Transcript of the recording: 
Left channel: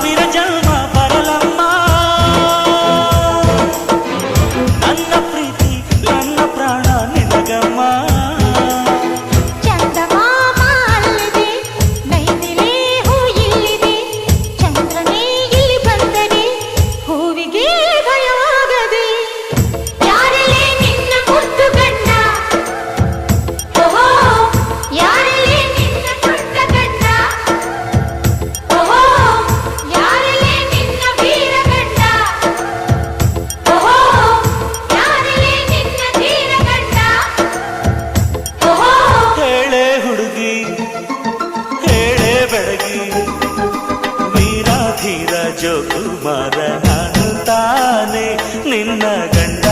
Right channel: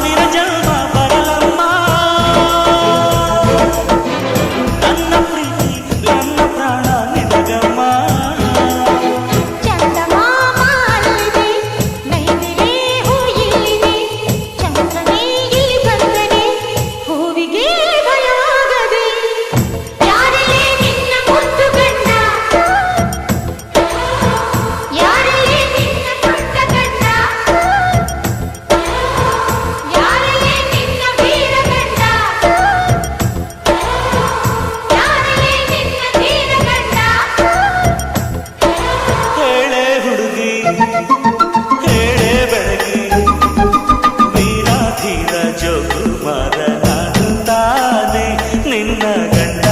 ಸಾವಿರ ಜನ್ಮ ಬರಲಮ್ಮ ನನ್ನ ಪ್ರೀತಿ ನನ್ನ ಪ್ರಾಣ ಹುಡುಗಿ ಹೇಳೆ ಬೆಳಗಿ ವೀರಾಧೀರ ಜೋಕುಮಾರ ನಾನು ತಾನೆ ನಿನ್ನ ಗಂಡ